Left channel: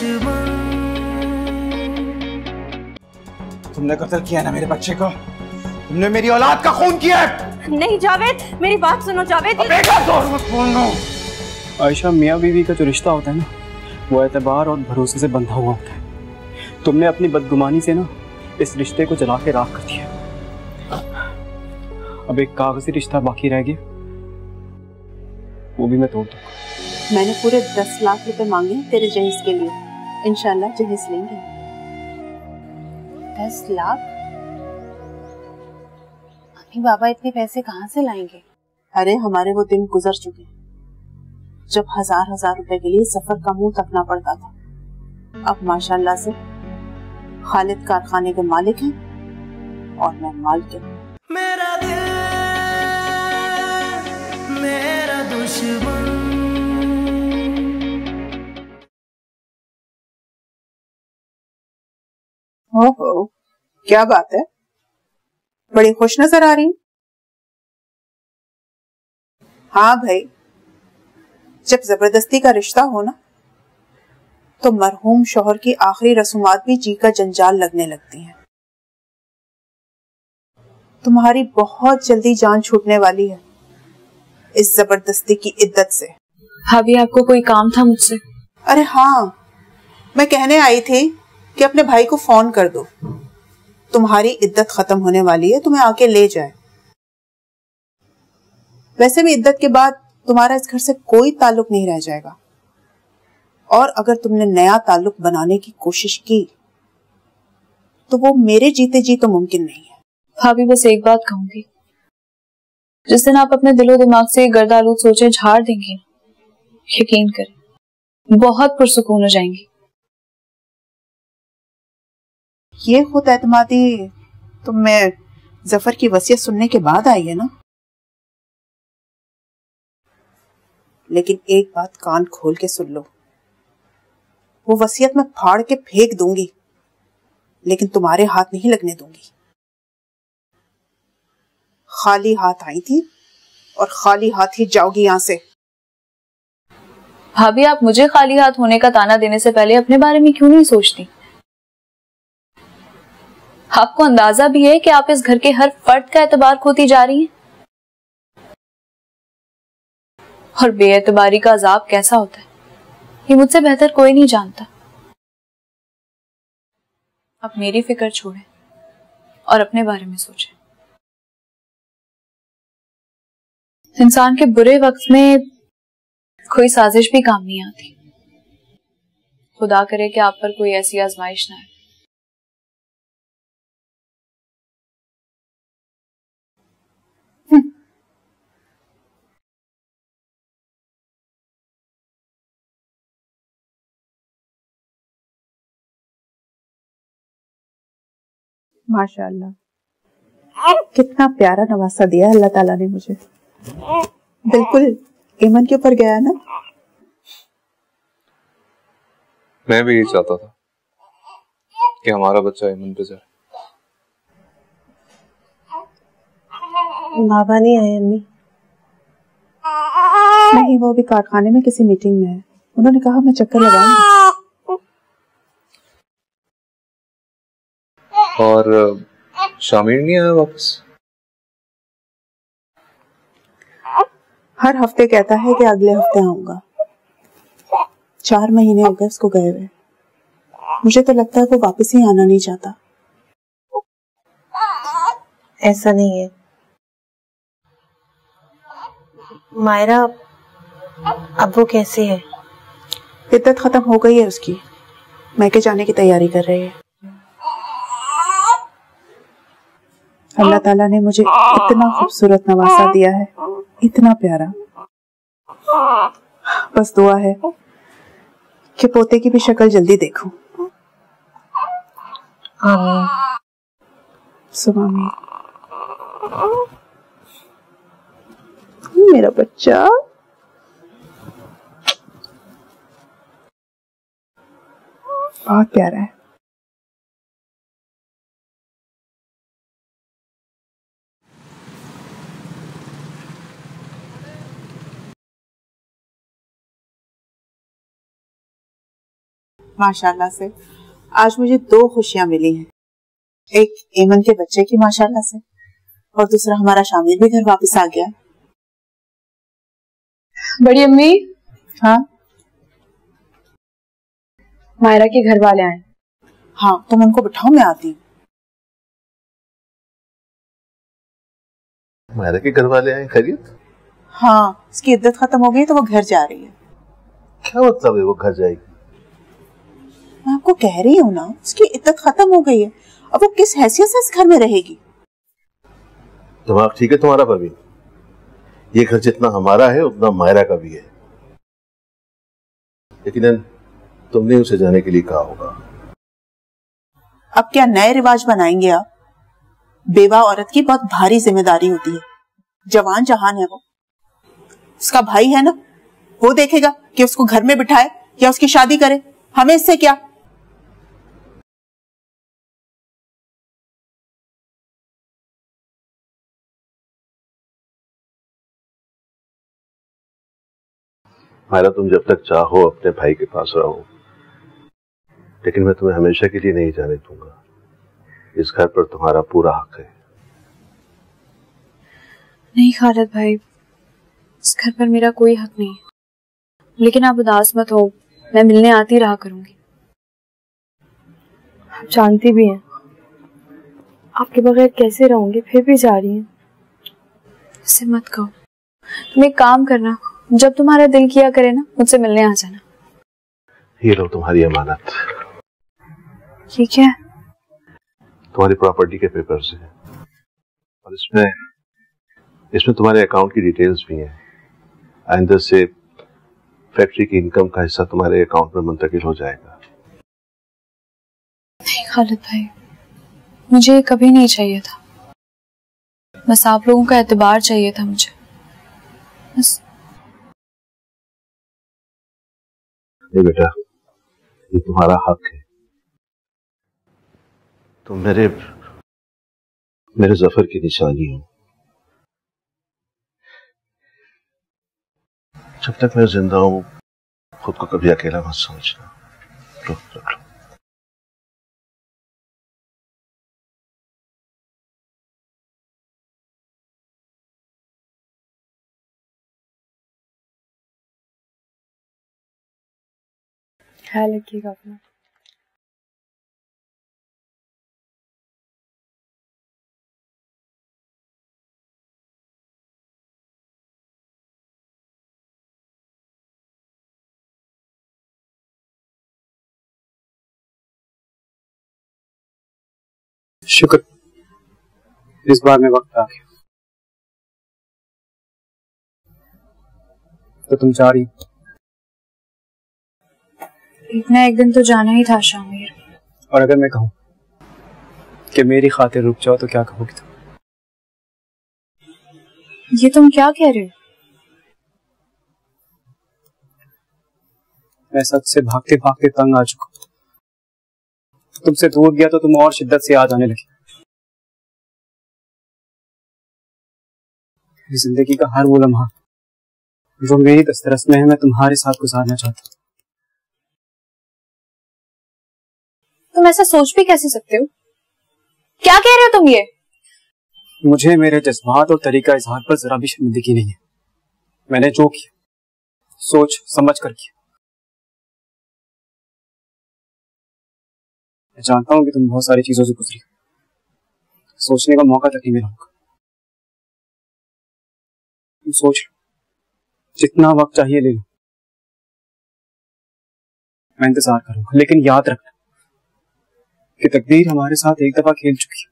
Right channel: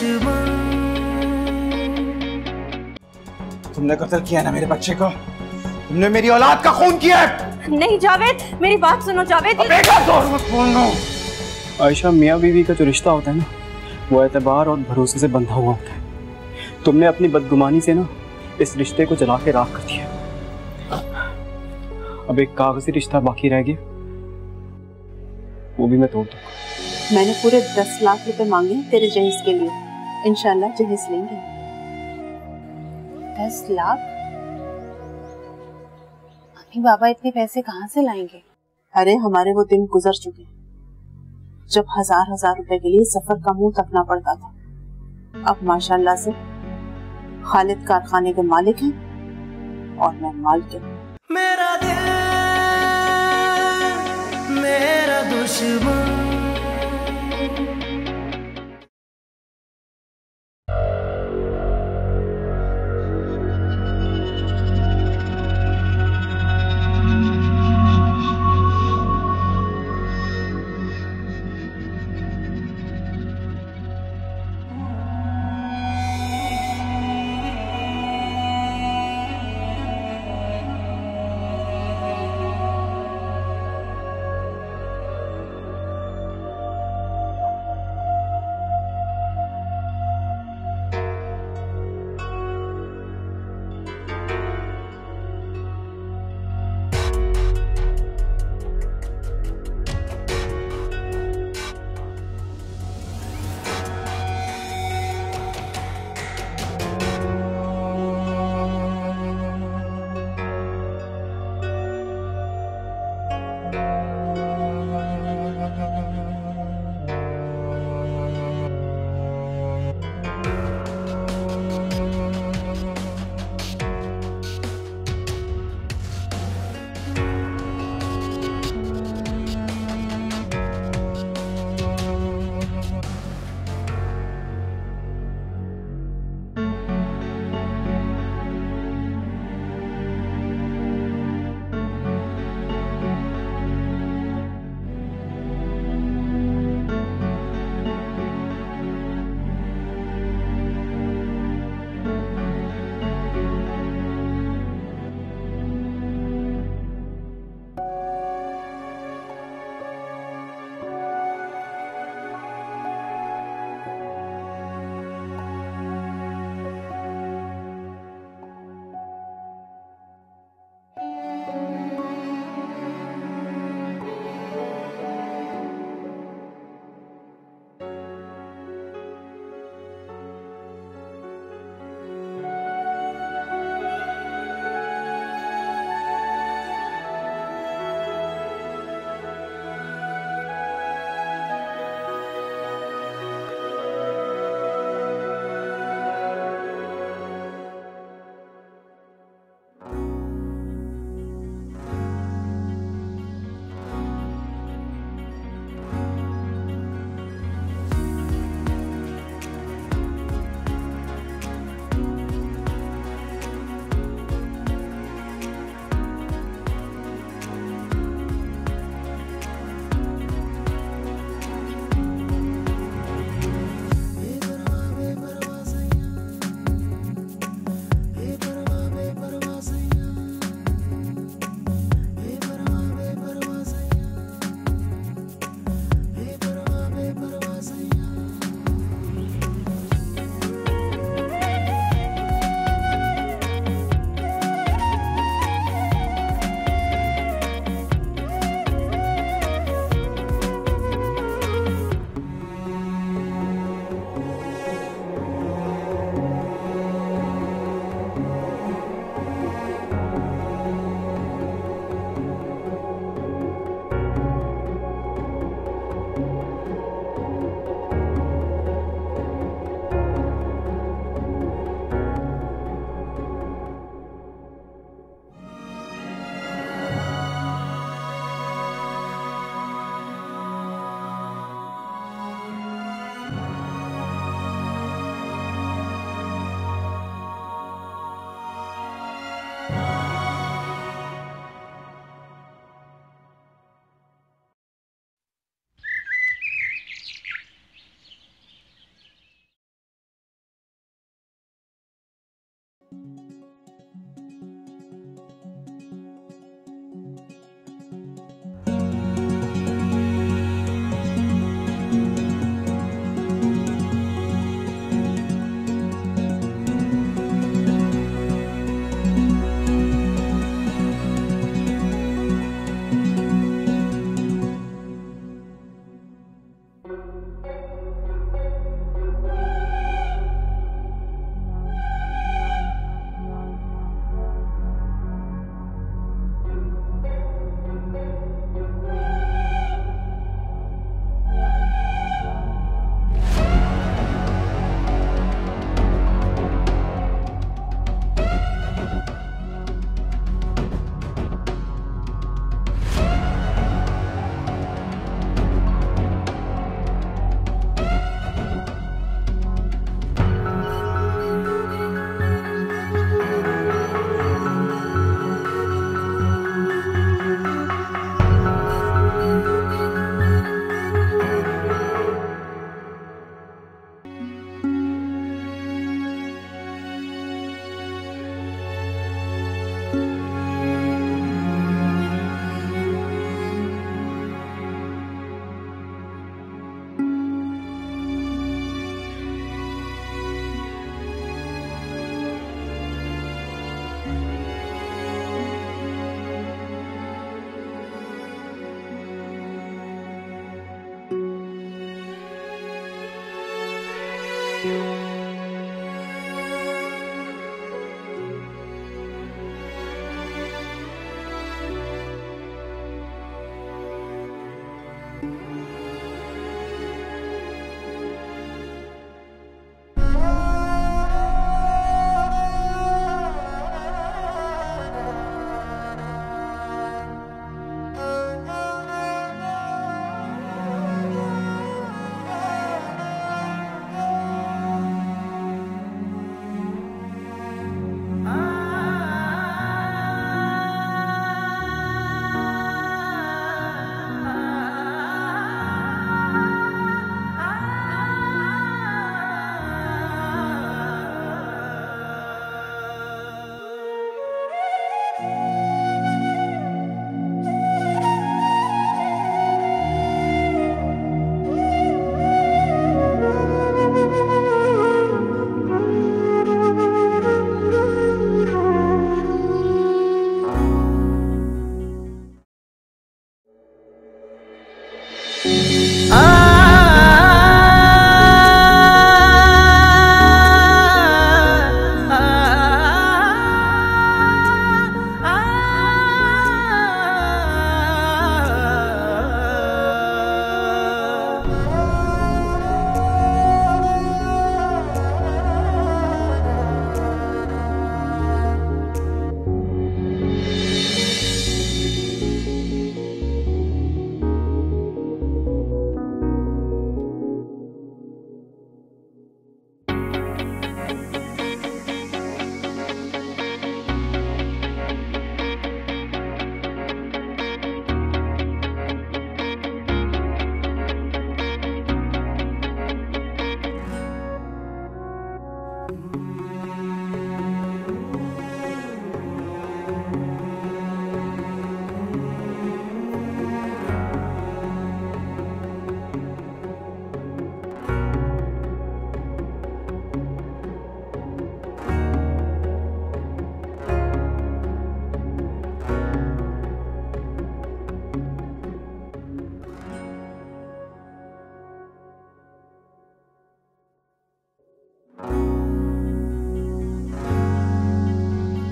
दुश्मन। तुमने कत्ल किया ना मेरे बच्चे को, तुमने मेरी औलाद का खून किया है। नहीं जावेद, मेरी बात सुनो जावेद। जोर मत बोलना। आयशा, मियाँ बीवी का जो रिश्ता होता है ना, वो एतबार और भरोसे से बंधा हुआ होता है। तुमने अपनी बदगुमानी से ना इस रिश्ते को जला के राख कर दिया। अब एक कागजी रिश्ता बाकी रह गया, वो भी मैं तोड़ दूंगा। मैंने पूरे 10 लाख रुपए मांगे तेरे जहेज के लिए, इंशाल्लाह जहेज लेंगे। 10 लाख? अम्मी बाबा इतने पैसे कहाँ से लाएंगे? अरे हमारे वो दिन गुजर चुके जब हजार रुपए के लिए सफर का मुंह तकना पड़ता था। अब माशाल्लाह से खालिद कारखाने के मालिक हैं और मैं मालकिन। मेरा दिल मेरा दुश्मन। ओहो, क्या बात है, बड़ी खुश नजर आ रही। हाँ भाई, जब जबरदस्ती का रिश्ता हो ना, तो मरहूम शौहर की आखिरी रसूमात भी जी का जंजाल लगने लगती है। तुम्हारी बहुत जल्दी जान छूटने वाली है इस जबरदस्ती की इद्दत से। भाभी, आपको कोई काम था मुझसे? अरे हाँ, मैं कहने आई थी कि अपने भाई को फोन कर दो, तुम्हारी इद्दत खत्म होने वाली है, तुम्हें आके ले जाए। वैसे भी इद्दत के बाद तुम्हारा इस घर से कोई ताल्लुक नहीं रह जाएगा, और अगर तुमने नया ताल्लुक बनाने की कोशिश की तो वो मेरे जीते जी तो मुमकिन नहीं है। भाभी, बस एक बात कहूंगी, जिस दिन आप अपने दिलो दिमाग से गर्दालूद सोचे झाड़ देंगी, यकीन कर बहुत पुरसुकून हो जाएंगी। ये खुद एतमादी तुम में जफर की वसीयत सुनने के बाद आई है ना, लेकिन एक बात कान खोल के सुन लो, वो वसीयत मैं फाड़ के फेंक दूंगी, लेकिन तुम्हारे हाथ नहीं लगने दूंगी। खाली हाथ आई थी और खाली हाथ ही जाओगी यहां से। भाभी, आप मुझे खाली हाथ होने का ताना देने से पहले अपने बारे में क्यों नहीं सोचती? आपको अंदाजा भी है कि आप इस घर के हर फर्द का एतबार खोती जा रही हैं? और बेएतबारी का अजाब कैसा होता है, ये मुझसे बेहतर कोई नहीं जानता। अब मेरी फिक्र छोड़ें और अपने बारे में सोचें। इंसान के बुरे वक्त में कोई साजिश भी काम नहीं आती। खुदा करे कि आप पर कोई ऐसी आजमाइश ना आए। माशाल्लाह, कितना प्यारा नवासा दिया अल्लाह ताला ने मुझे। बिल्कुल ईमन के ऊपर गया ना। मैं भी यही चाहता था कि हमारा बच्चा ईमन पे जाए। बाबा नहीं आए अम्मी? नहीं, वो अभी कारखाने में किसी मीटिंग में है। उन्होंने कहा मैं चक्कर लगाऊं। और शामिर नहीं आया वापस? हर हफ्ते कहता है कि अगले हफ्ते आऊंगा। 4 महीने हो गए उसको गए हुए। मुझे तो लगता है वो वापस ही आना नहीं चाहता। ऐसा नहीं है मायरा, अब वो कैसी है? इद्दत खत्म हो गई है उसकी, मैके जाने की तैयारी कर रही है। अल्लाह ताला ने मुझे इतना खूबसूरत नवासा दिया है, इतना प्यारा। बस दुआ है कि पोते की भी शक्ल जल्दी देखूं। सुबह में मेरा बच्चा बहुत प्यारा है। माशाल्लाह से आज मुझे 2 खुशियां मिली हैं। एक ईमन के बच्चे की माशाल्लाह से, और दूसरा हमारा शामिर भी घर वापस आ गया। बड़ी अम्मी, हाँ मायरा के घर वाले आए। हाँ, तुम उनको बिठाओ, मैं आती हूँ। मायरा के घर वाले हैं? खैरियत? हाँ, उसकी इद्दत खत्म हो गई तो वो घर जा रही है। क्या मतलब है वो घर जाएगी? मैं आपको कह रही हूँ ना, उसकी इद्दत खत्म हो गई है, अब वो किस हैसियत से इस घर में रहेगी? दिमाग ठीक है तुम्हारा परवीन? ये घर जितना हमारा है उतना मायरा का भी है, लेकिन तुमने उसे जाने के लिए कहा होगा। अब क्या नए रिवाज बनाएंगे आप? बेवा औरत की बहुत भारी जिम्मेदारी होती है। जवान जहान है, उसका भाई है ना, वो देखेगा कि उसको घर में बिठाए या उसकी शादी करे। हमें इससे क्या? मायरा, तुम जब तक चाहो अपने भाई के पास रहो, लेकिन मैं तुम्हें हमेशा के लिए नहीं जाने दूंगा। इस घर पर तुम्हारा पूरा हक है। नहीं खालिद भाई, इस घर पर मेरा कोई हक नहीं, लेकिन आप उदास मत हो, मैं मिलने आती रहा करूंगी। आप जानती भी हैं आपके बगैर कैसे रहूंगी, फिर भी जा रही हूँ। ऐसे मत कहो। तुम एक काम करना, जब तुम्हारा दिल किया करे ना, मुझसे मिलने आ जाना। ये लो तुम्हारी अमानत। ये क्या है? तुम्हारी प्रॉपर्टी के पेपर्स। इसमें तुम्हारे अकाउंट की डिटेल्स भी हैं। आइंदा से फैक्ट्री की इनकम का हिस्सा तुम्हारे अकाउंट में मुंतकिल हो जाएगा। नहीं खालिद भाई, मुझे कभी नहीं चाहिए था, बस आप लोगों का एतबार चाहिए था मुझे, बस। नहीं बेटा, ये तुम्हारा हक है। तुम मेरे जफर की निशानी है। जब तक मैं जिंदा हूं, खुद को कभी अकेला मत समझ। शुक्र, इस बार में वक्त आ गया। तो तुम जा रही? एक ना एक दिन तो जाना ही था शामिर। और अगर मैं कहूँ कि मेरी खातिर रुक जाओ तो क्या कहोगी तुम? ये तुम क्या कह रहे हो? मैं सच से भागते भागते तंग आ चुका। तुमसे दूर गया तो तुम और शिद्दत से याद आने लगे। जिंदगी का हर वो लम्हा जो मेरी दस्तरस में है, मैं तुम्हारे साथ गुजारना चाहता हूँ। तुम ऐसा सोच भी कैसे सकते हो? क्या कह रहे हो तुम ये? मुझे मेरे जज्बात और तरीका इजहार पर जरा भी शर्मिंदगी नहीं है। मैंने जो किया सोच समझ कर किया। जानता हूँ कि तुम बहुत सारी चीजों से गुजरी हो, सोचने का मौका तक नहीं मिला होगा। तुम सोच लो, जितना वक्त चाहिए ले लो, मैं इंतजार करूंगा। लेकिन याद रखो कि तकदीर हमारे साथ एक दफा खेल चुकी है,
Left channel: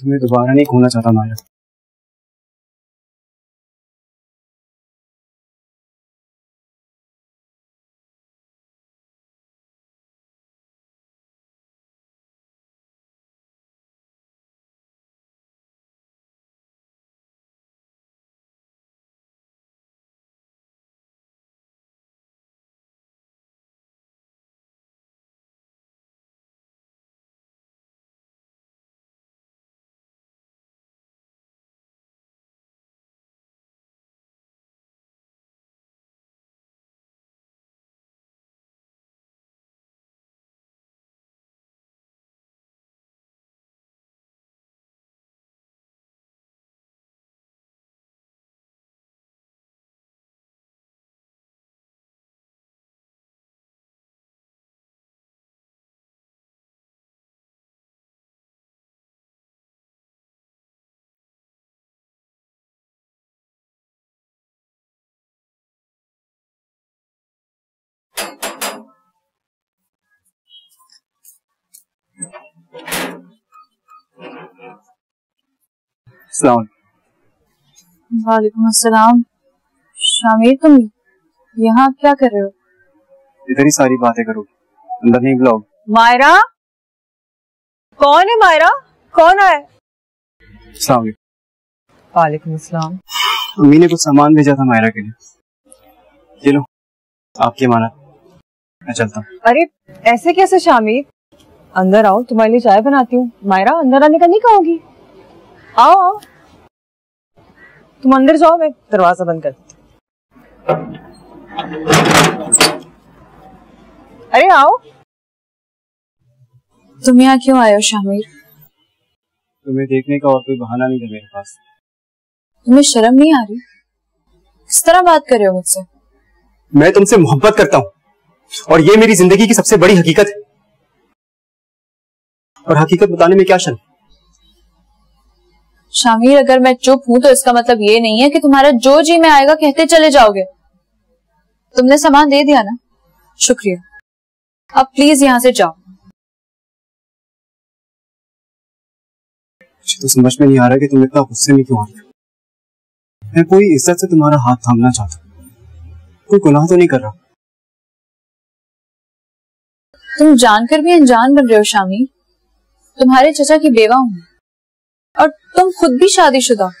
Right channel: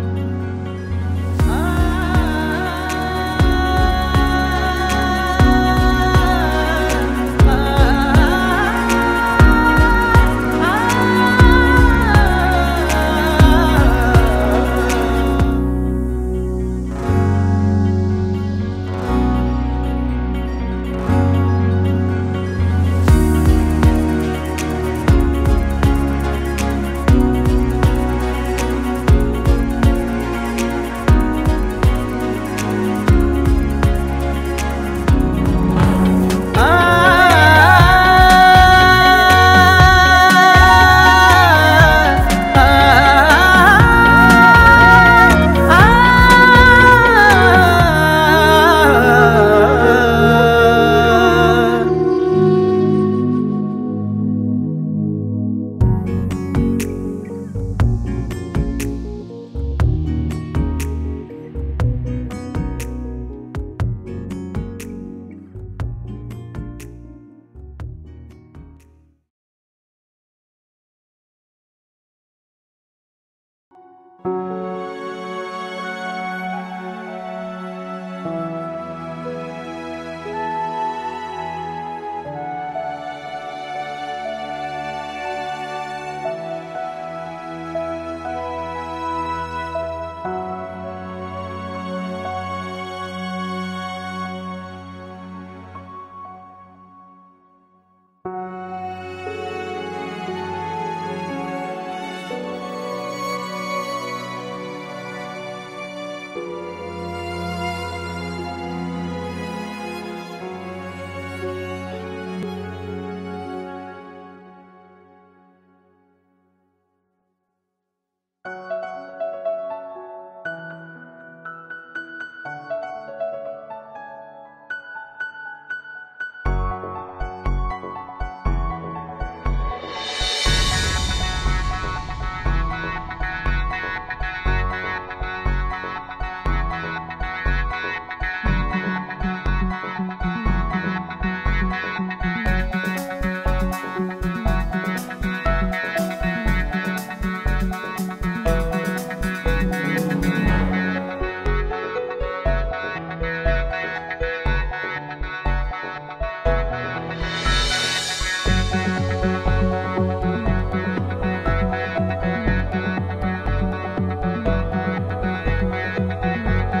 तुम्हें दोबारा नहीं खोना चाहता हमारे साथ। वालेकुम अस्सलाम। शामिर, तुम यहाँ क्या कर रहे हो? इधर ही सारी बातें करो, अंदर नहीं बुलाओ। मायरा, कौन है मायरा? कौन है? अस्सलाम वालेकुम। वालेकुम अस्सलाम। अम्मी ने कुछ सामान भेजा था मायरा के लिए, ये लो आपकी अमानत, मैं चलता हूँ। अरे ऐसे कैसे शामिर? अंदर आओ, तुम्हारे लिए चाय बनाती हूँ। मायरा, अंदर आने का नहीं कहोगी? आओ आओ, तुम अंदर जाओ, मैं दरवाजा बंद कर। अरे आओ। तुम यहाँ क्यों आए हो शामिर? तुम्हें देखने का और कोई बहाना नहीं था मेरे पास। तुम्हें शर्म नहीं आ रही? किस तरह बात कर रहे हो मुझसे? मैं तुमसे मोहब्बत करता हूँ और ये मेरी जिंदगी की सबसे बड़ी हकीकत है, और हकीकत बताने में क्या शर्म? शामिर, अगर मैं चुप हूँ तो इसका मतलब ये नहीं है कि तुम्हारा जो जी में आएगा कहते चले जाओगे। तुमने सामान दे दिया ना, शुक्रिया। अब प्लीज यहाँ से जाओ। मुझे तो समझ में नहीं आ रहा कि तुम इतना गुस्से में क्यों हो। मैं कोई इज्जत से तुम्हारा हाथ थामना चाहता हूँ, कोई गुनाह तो नहीं कर रहा। तुम जानकर भी अनजान बन रहे हो शामिर। तुम्हारे चचा की बेवा हूँ और तुम खुद भी शादीशुदा हो।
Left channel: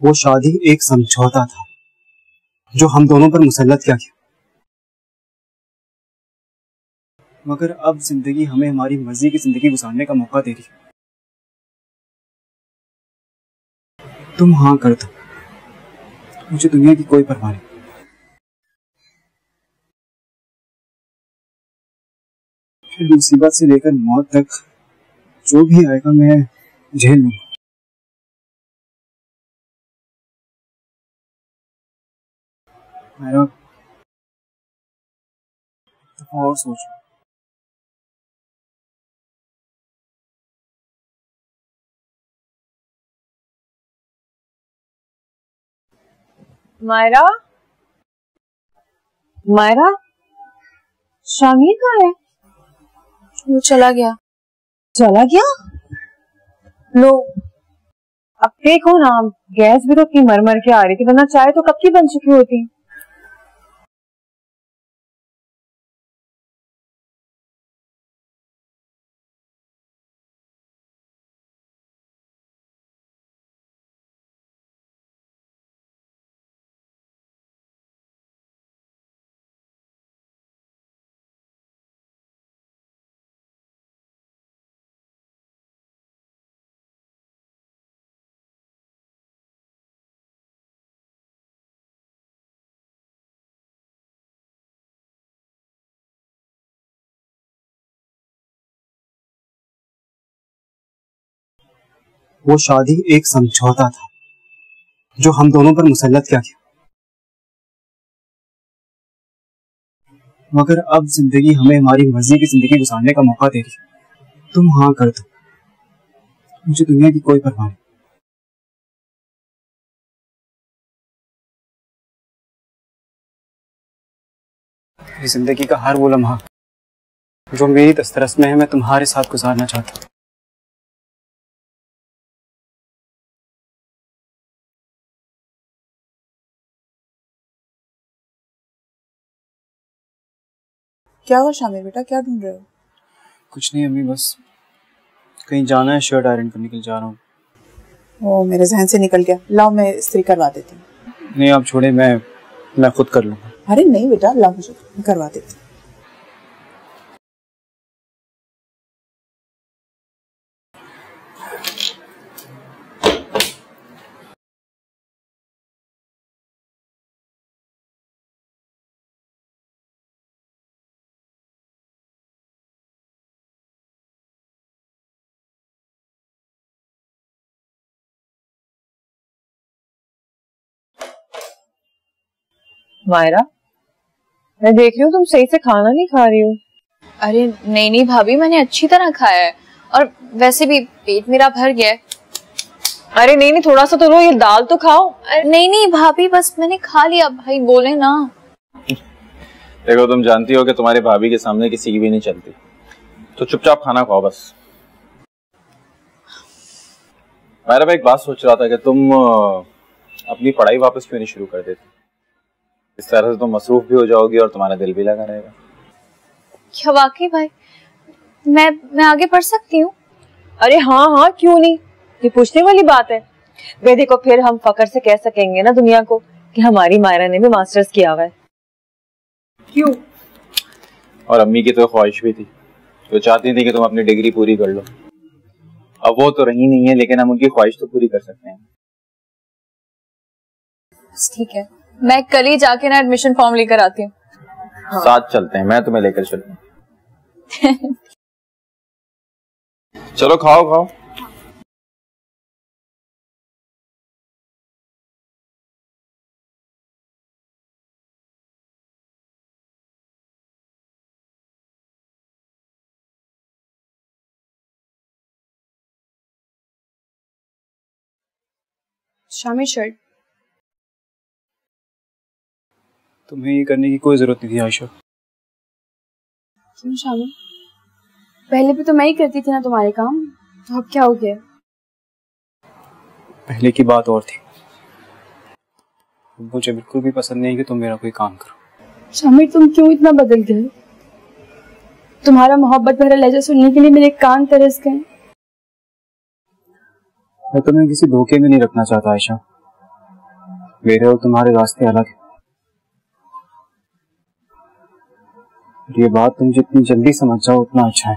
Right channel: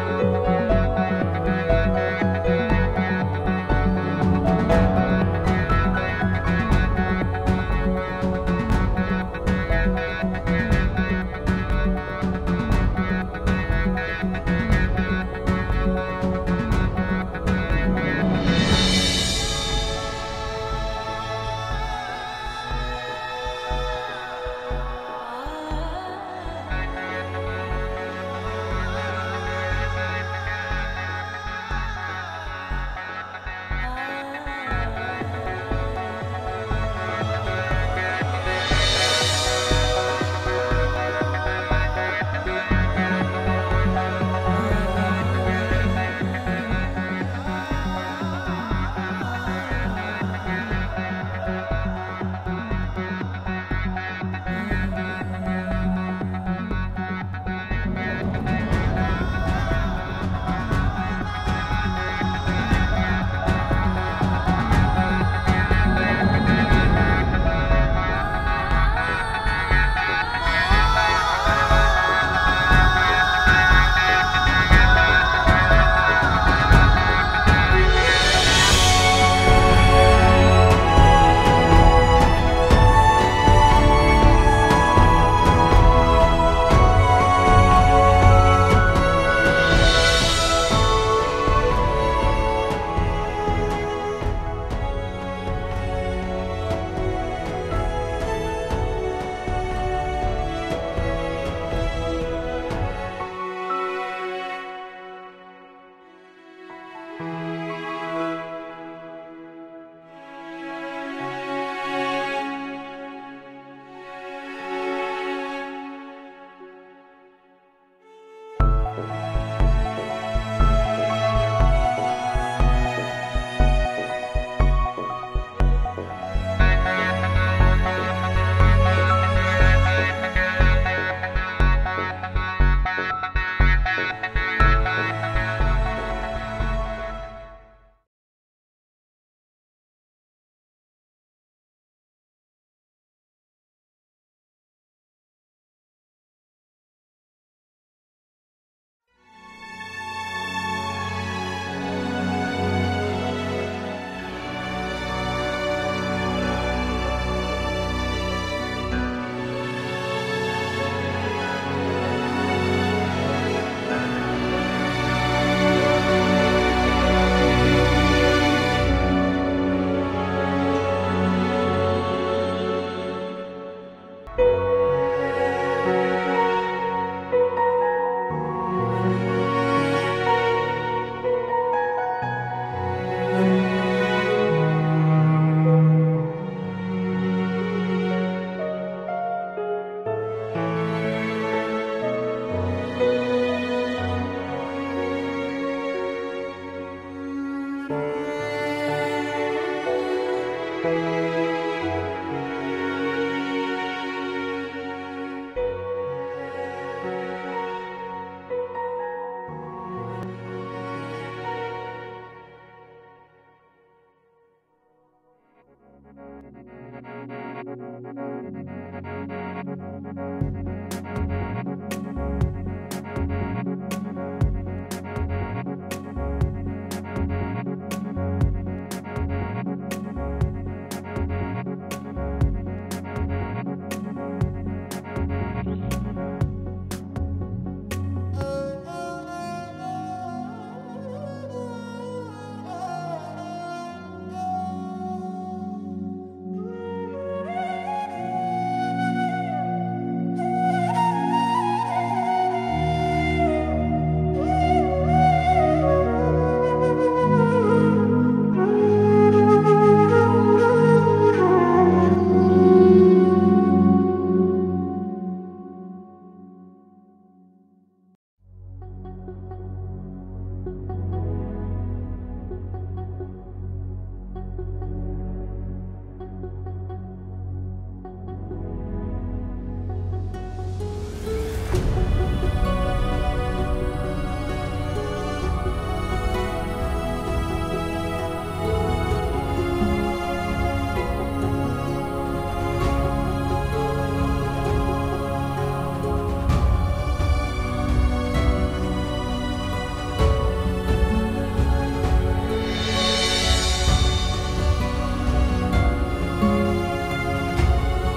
वो शादी एक समझौता था जो हम दोनों पर मुसल्लत किया गया, मगर अब जिंदगी हमें हमारी मर्जी की जिंदगी गुजारने का मौका देती है। तुम हाँ कर दो, मुझे दुनिया की कोई परवाह नहीं। मुसीबत से लेकर मौत तक जो भी आएगा मैं झेल लूंगा। और सोचो, मायरा, मायरा, शामिर कहाँ है? वो चला गया। चला गया? लो, अब देखो ना, गैस भी तो इतनी मर के आ रही थी, वरना चाय तो कब की बन चुकी होती। वो शादी एक समझौता था जो हम दोनों पर मुसल्लत किया गया, मगर अब जिंदगी हमें हमारी मर्जी की जिंदगी गुजारने का मौका दे रही है। तुम हाँ कर दो, मुझे दुनिया की कोई परवाह नहीं। जिंदगी का हर वो लम्हा जो मेरी दस्तरस में है, मैं तुम्हारे साथ गुजारना चाहता हूँ। क्या हुआ शामिर बेटा, क्या ढूंढ रहे हो? कुछ नहीं अम्मी, बस कहीं जाना है, शर्ट आयरन करने के लिए जा रहा हूँ। ओ, मेरे जहन से निकल गया। लाओ मैं इस्त्री करवा देती हूँ। नहीं आप छोड़े, मैं खुद कर लूँ। अरे नहीं बेटा, लाओ मुझे करवा देती हूँ। मायरा, मैं देख रही हूँ तुम सही से खाना नहीं खा रही हो। अरे नहीं भाभी, मैंने अच्छी तरह खाया है और वैसे भी पेट मेरा भर गया है। अरे नहीं, थोड़ा सा तो लो, ये दाल तो खाओ। नहीं भाभी, बस मैंने खा लिया। भाई बोले ना। देखो, तुम जानती हो कि तुम्हारी भाभी के सामने किसी की भी नहीं चलती, तो चुपचाप खाना खाओ बस। मैं एक बात सोच रहा था कि तुम अपनी पढ़ाई वापस क्यों नहीं शुरू कर देते? इस तरह से तुम मसरूफ भी हो जाओगी और तुम्हारा दिल भी लगा रहेगा। क्या वाकई भाई मैं आगे पढ़ सकती हूँ? अरे हाँ हाँ, क्यों नहीं, ये पूछने वाली बात है। वे देखो, फिर हम फकर से कह सकेंगे ना दुनिया को कि हमारी मायरा ने भी मास्टर्स किया हुआ है। क्यों? और अम्मी की तो ख्वाहिश भी थी, वो चाहती थी कि तुम अपनी डिग्री पूरी कर लो। अब वो तो रही नहीं है, लेकिन हम उनकी ख्वाहिश तो पूरी कर सकते हैं। ठीक है, मैं कल ही जाके ना एडमिशन फॉर्म लेकर आती हूँ। हाँ। साथ चलते हैं, मैं तुम्हें लेकर चलूँ। चलो खाओ खाओ। शामी शर्ट। तुम्हें ये करने की कोई जरूरत नहीं थी आयशा। क्यों शामी? पहले भी तो मैं ही करती थी ना तुम्हारे काम, तो अब क्या हो गया? पहले की बात और थी। मुझे बिल्कुल भी पसंद नहीं कि तुम मेरा कोई काम करो। शामी तुम क्यों इतना बदल गई? तुम्हारा मोहब्बत भरा लहजा सुनने के लिए मेरे कान तरस गए। मैं तुम्हें किसी धोखे में नहीं रखना चाहता आयशा। मेरे और तुम्हारे रास्ते अलग हैं। ये बात तुम जितनी जल्दी समझ जाओ उतना अच्छा है।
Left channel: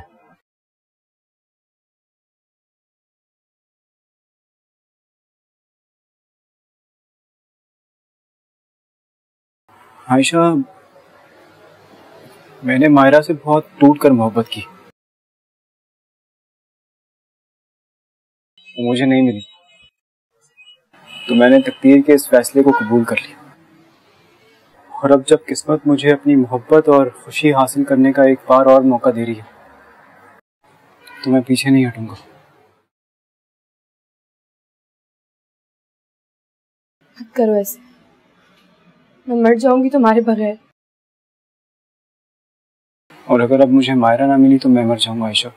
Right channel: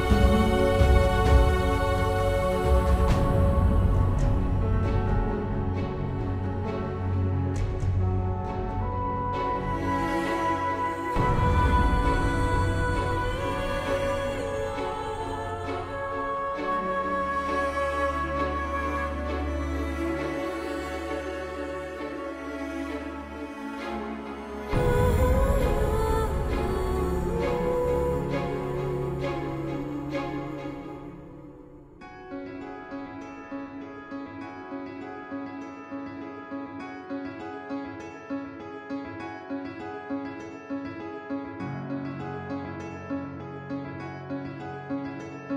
आयशा, मैंने मायरा से बहुत टूट कर मोहब्बत की। तो मुझे नहीं मिली, तो मैंने तकदीर के इस फैसले को कबूल कर लिया। और अब जब किस्मत मुझे अपनी मोहब्बत और खुशी हासिल करने का एक बार और मौका दे रही है, तो मैं पीछे नहीं हटूंगा। मत करो ऐसे, मैं मर जाऊंगी तुम्हारे बगैर। और अगर अब मुझे मायरा ना मिली तो मैं मर जाऊंगा आयशा।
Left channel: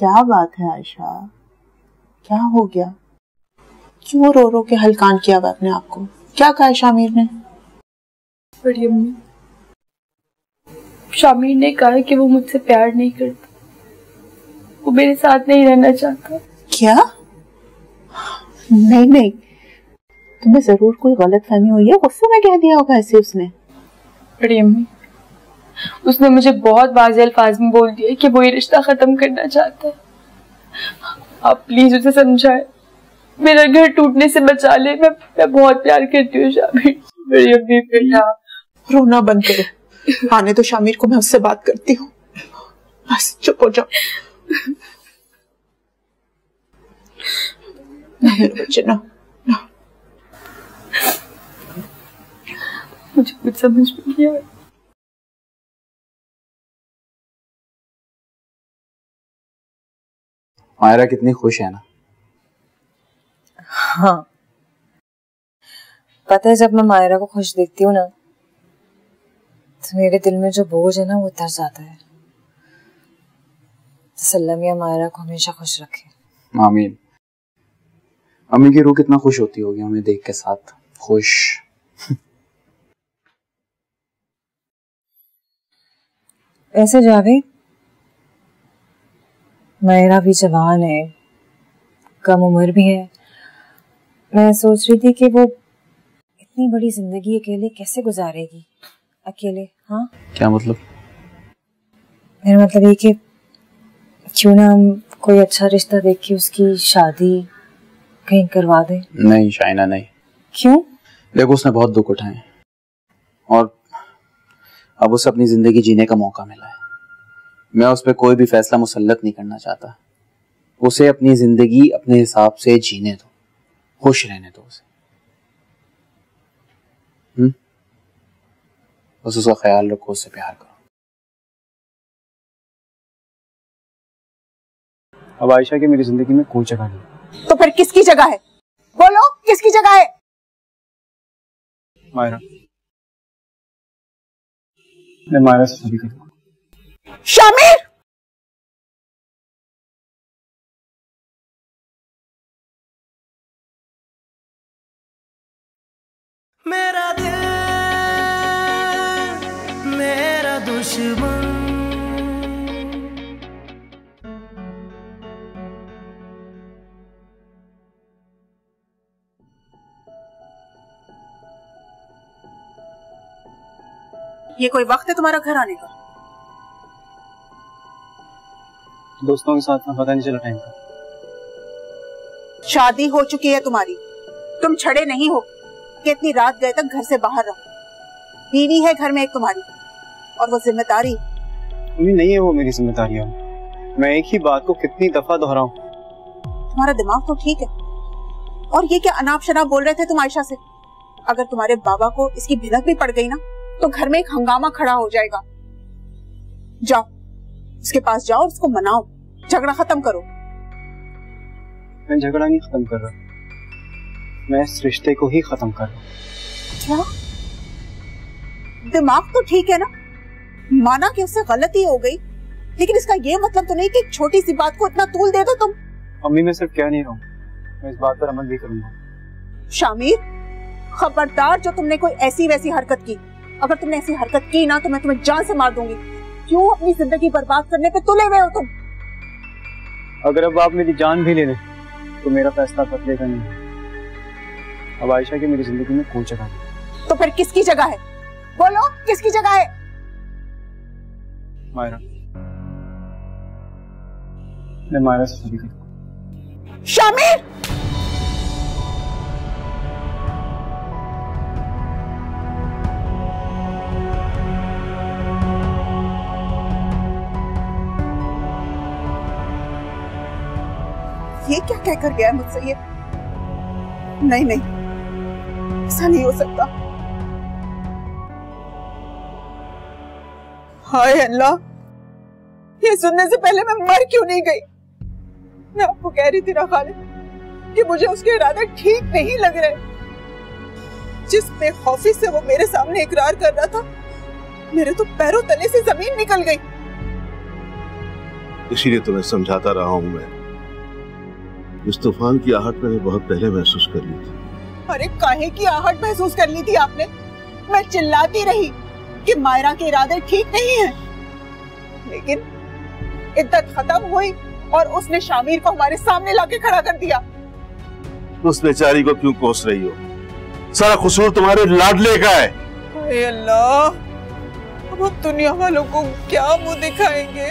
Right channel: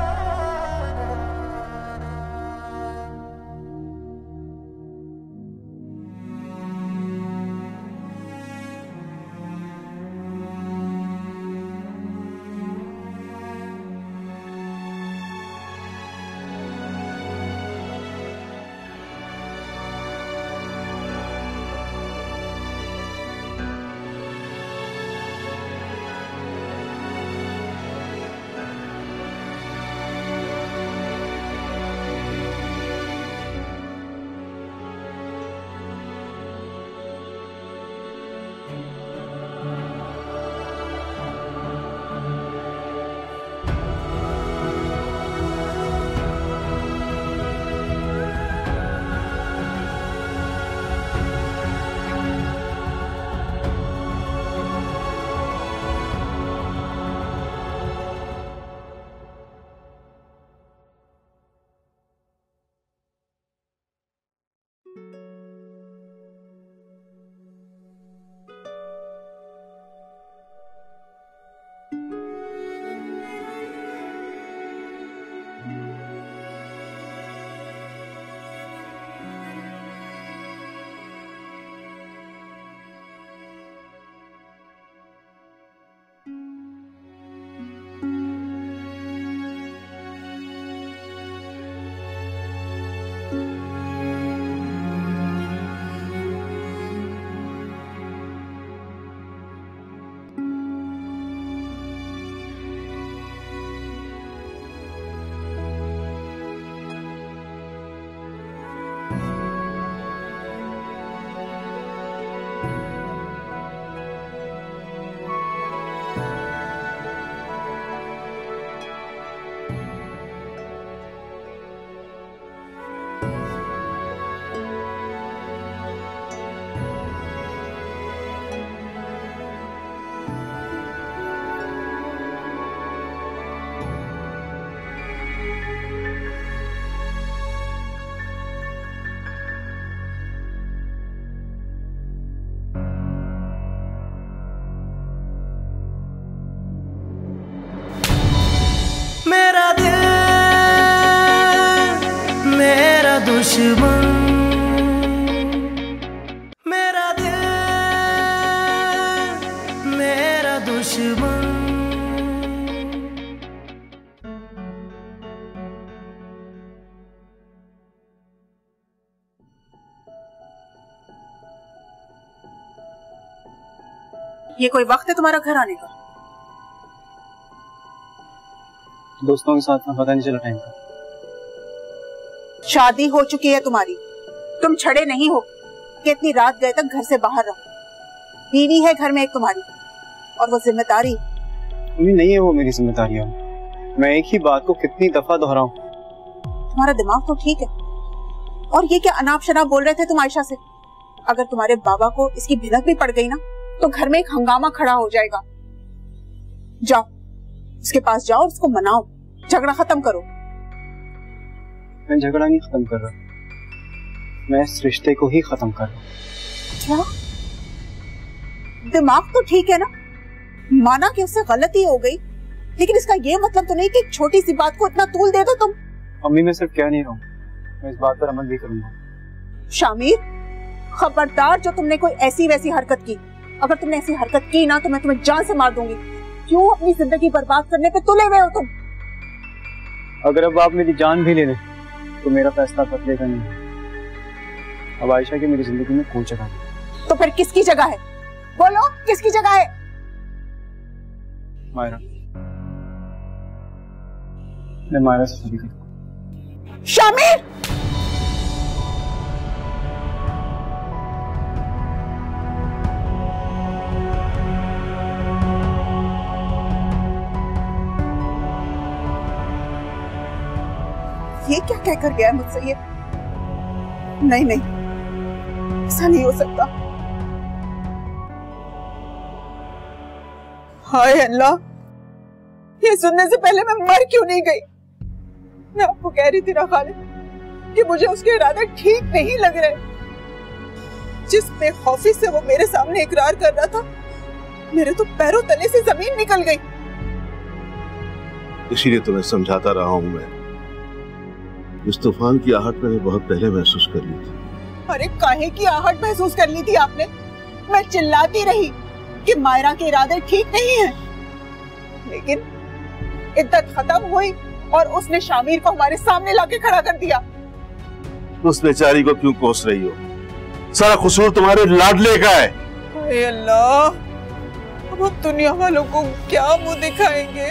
क्या बात है आयशा, क्या हो गया? क्यों रो रो के हलकान किया हुआ अपने आप को? क्या कहा शामिर ने? बड़ी अम्मी, शामिर ने कहा कि वो मुझसे प्यार नहीं करता, वो मेरे साथ नहीं रहना चाहता। क्या? नहीं नहीं, तुम्हें जरूर कोई गलत फहमी हुई है, गुस्से में कह दिया होगा ऐसे उसने। बड़ी अम्मी, उसने मुझे बहुत वाज़ेह अल्फाज में बोल दिया कि वो ये रिश्ता खत्म करना चाहता है। आप प्लीज उसे समझाएं, मेरा घर टूटने से बचा ले। मैं बहुत प्यार करती हूँ शामिर। बड़ी अम्मी बेटा, रोना बंद करो, आने तो शामिर को, मैं उससे बात करती हूँ। बस चुप हो जाओ। चलो, मुझे कुछ समझ नहीं आया। मायरा कितनी खुश है ना? हाँ, पता है जब मैं मायरा को खुश देखती हूँ ना, तो मेरे दिल में जो बोझ है ना वो उतर जाता है। अल्लाह मियां मायरा को हमेशा खुश रखे। आमीन। अम्मी की रूह कितना खुश होती होगी हमें देख के साथ। खुश। ऐसे जावेद, मायरा भी जवान है, कम उम्र भी है। मैं सोच रही थी कि वो इतनी बड़ी जिंदगी अकेले कैसे गुजारेगी? अकेले? हाँ, क्या मतलब? मेरा मतलब ये कि क्यों ना हम कोई अच्छा रिश्ता देख के उसकी शादी कहीं करवा दें। नहीं शाइना, नहीं। क्यों? देखो, उसने बहुत दुख उठाए और अब उसे अपनी जिंदगी जीने का मौका मिला। मैं उस पर कोई भी फैसला मुसल्लत नहीं करना चाहता। उसे अपनी जिंदगी अपने हिसाब से जीने दो, खुश रहने दो। बस उसका ख्याल रखो, उससे प्यार करो। अब आयशा की मेरी जिंदगी में कोई जगह नहीं। तो फिर किसकी जगह है? बोलो, किसकी जगह है? मायरा, मैं मायरा से शादी करूँ। शामिर! मेरा दिल मेरा दुश्मन, मेरा दिल मेरा दुश्मन। ये कोई वक्त है तुम्हारा घर आने का? दोस्तों के साथ पता नहीं चला टाइम का। शादी हो चुकी है तुम्हारी, तुम छड़े नहीं हो कि इतनी रात गए तक घर से बाहर रहो। बीवी है घर में एक तुम्हारी, और वो जिम्मेदारी नहीं है वो मेरी जिम्मेदारी है। मैं एक ही बात को कितनी दफा दोहराऊं। तुम्हारा दिमाग तो ठीक है। और ये क्या अनाप शनाप बोल रहे थे तुम आयशा से? अगर तुम्हारे बाबा को इसकी भिनक भी पड़ गई ना तो घर में एक हंगामा खड़ा हो जाएगा। जाओ उसके पास जाओ, उसको मनाओ, झगड़ा खत्म करो। मैं झगड़ा नहीं खत्म कर रहा, मैं इस रिश्ते को ही खत्म कर रहा हूँ। क्या? दिमाग तो ठीक है ना? माना कि उससे गलती हो गई, लेकिन इसका ये मतलब तो नहीं कि एक छोटी सी बात को इतना तूल दे दो तुम। अम्मी, मैं सिर्फ कह नहीं रहा हूँ, मैं इस बात पर अमल भी करूंगा। शामिर, खबरदार जो तुमने कोई ऐसी वैसी हरकत की। अगर तुमने ऐसी हरकत की ना तो मैं तुम्हें जान से मार दूंगी। क्यों अपनी जिंदगी बर्बाद करने पे तुले हुए हो तुम? अगर अब आप मेरी जान भी ले लें तो मेरा फैसला बदलेगा नहीं। अब आयशा की मेरी जिंदगी में कोई जगह नहीं। तो फिर किसकी जगह है? बोलो, किसकी जगह है? मायरा, मैं मायरा से शादी करूंगा। शामिर! ये क्या कहकर गया है मुझसे? ये नहीं नहीं, ऐसा नहीं हो सकता। हाय अल्लाह, ये सुनने से पहले मैं मर क्यों नहीं गई? मैं आपको कह रही थी ना खालिद कि मुझे उसके इरादे ठीक नहीं लग रहे। जिस बेखौफी से वो मेरे सामने इकरार कर रहा था, मेरे तो पैरों तले से जमीन निकल गई। इसीलिए तुम्हें समझाता रहा हूं मैं। इस तूफान की आहट मैंने बहुत पहले महसूस कर ली थी। अरे काहे की आहट महसूस कर ली थी आपने? मैं चिल्लाती रही कि मायरा के इरादे ठीक नहीं हैं, लेकिन इद्दत खत्म हुई और उसने शामिर को हमारे सामने लाके खड़ा कर दिया। उस बेचारी को क्यों कोस रही हो? सारा कसूर तुम्हारे लाडले का है। हाय अल्लाह, अब हम दुनिया वालों को क्या मुंह दिखाएंगे?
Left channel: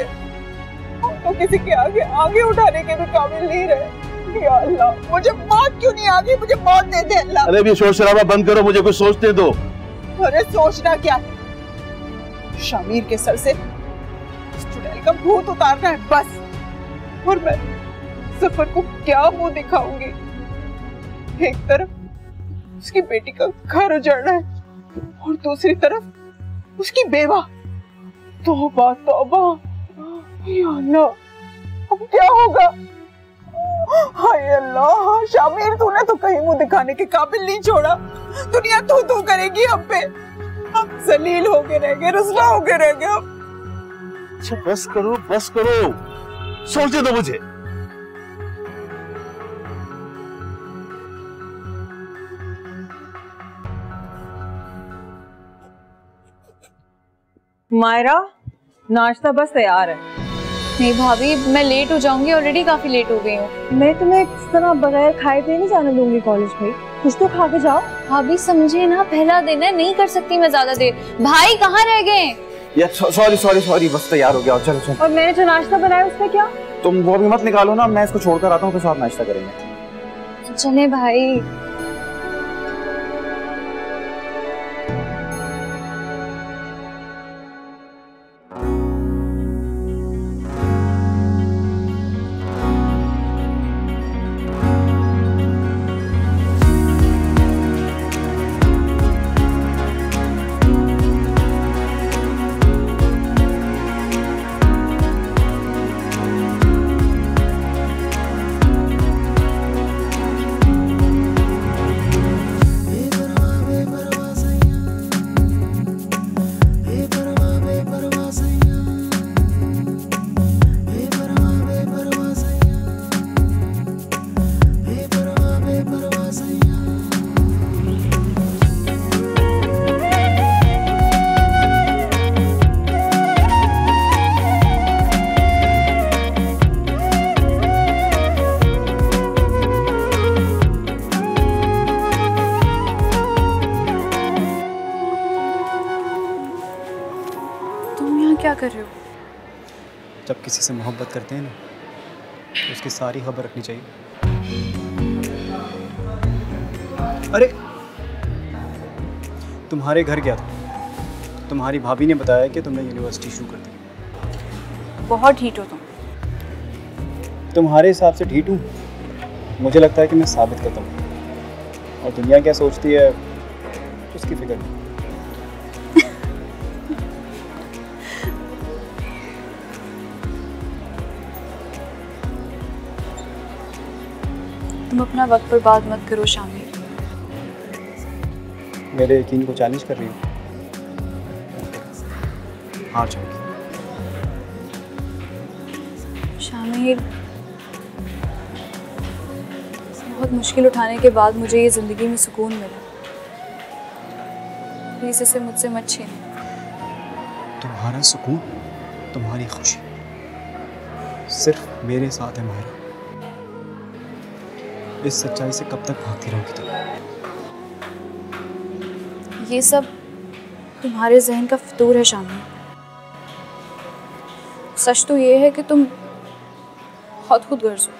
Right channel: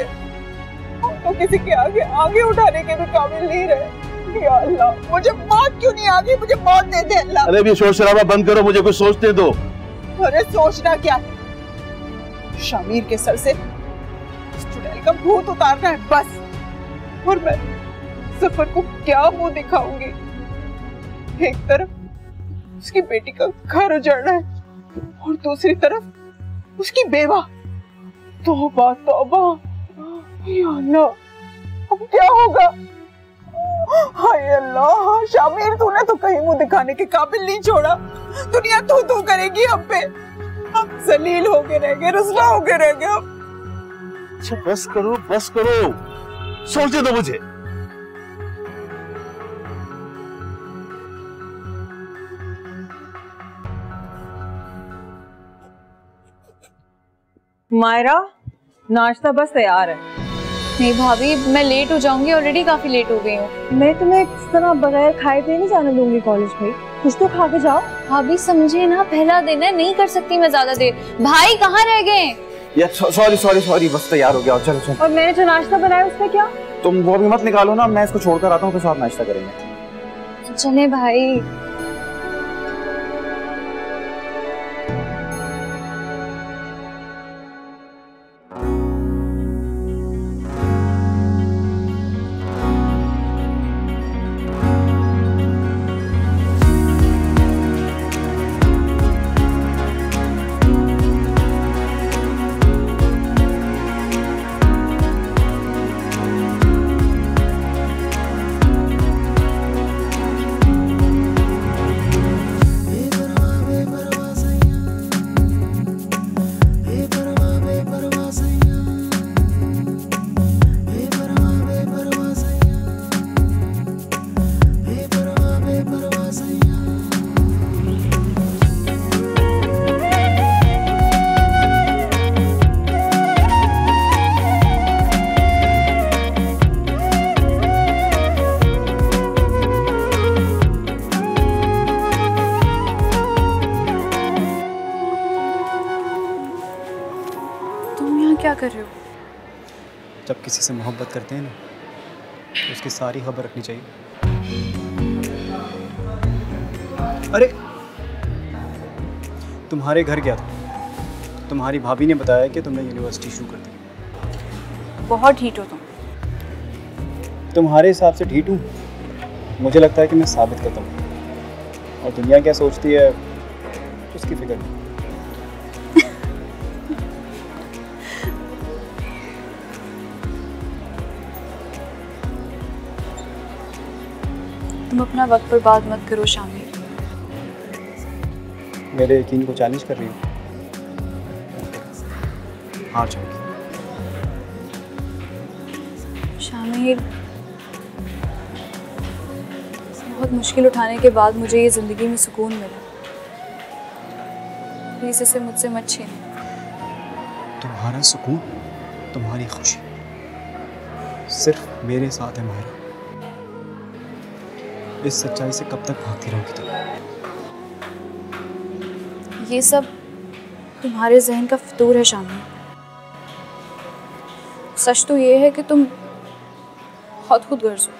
हम तो किसी के आगे उठाने के भी काबिल नहीं रहे। या अल्लाह, मुझे मौत क्यों नहीं आ गई? मुझे मौत दे दे अल्लाह। अरे भी शोर शराबा बंद करो, मुझे कुछ सोचने दो। अरे सोचना क्या है? शामिर के सर से इस चुड़ैल का भूत उतारना है बस। और मैं सफर को क्या मुंह दिखाऊंगी? एक तरफ उसकी बेटी का घर उजड़ना है और दूसरी तरफ उसकी बेवा। तौबा तौबा, या अल्लाह, अब क्या होगा? हाय अल्लाह, शामिर तूने तो कहीं मुंह दिखाने के काबिल नहीं छोड़ा। दुनिया तू तू करेगी हम पे। हम जलील होके रह गए, रुसवा होके रह गए हम। अच्छा बस करो, बस करो, सोचने दो मुझे। मायरा, नाश्ता बस तैयार है। नहीं भाभी, मैं लेट हो जाऊंगी, ऑलरेडी काफी लेट हो गई हूँ। मैं तुम्हें इस तरह बगैर खाए पिए नहीं जाने दूंगी कॉलेज में। कुछ तो खा के जाओ। भाभी समझे ना, पहला दिन है, नहीं कर सकती मैं ज्यादा देर। भाई कहाँ रह गए? यार सॉरी, बस तैयार हो गया। चलो चलो। और मैंने जो नाश्ता बनाया उसमें क्या? तुम वो भी मत निकालो ना, मैं इसको छोड़कर आता हूँ, फिर साथ नाश्ता करेंगे। चले भाई। से मोहब्बत करते हैं ना, तो उसकी सारी खबर रखनी चाहिए। अरे तुम्हारे घर गया था, तुम्हारी भाभी ने बताया कि तुमने यूनिवर्सिटी शुरू कर दी। बहुत ढीठ हो तुम। तुम्हारे हिसाब से ढीठ हूँ? मुझे लगता है कि मैं साबित करता हूँ, और दुनिया क्या सोचती है उसकी फिक्र नहीं। तुम अपना वक्त पर बात मत करो शामिर। मेरे यकीन को चैलेंज कर रही हो? हार जाओगी। शामिर, बहुत मुश्किल उठाने के बाद मुझे ये जिंदगी में सुकून मिला। प्लीज इसे मुझसे मत छीन। तुम्हारा सुकून, तुम्हारी खुशी सिर्फ मेरे साथ है माहिरा। इस सच्चाई से कब तक भागती रहोगी तुम? ये सब तुम्हारे जहन का फितूर है शामिर। सच तो ये है कि तुम बहुत खुदगर्ज हो।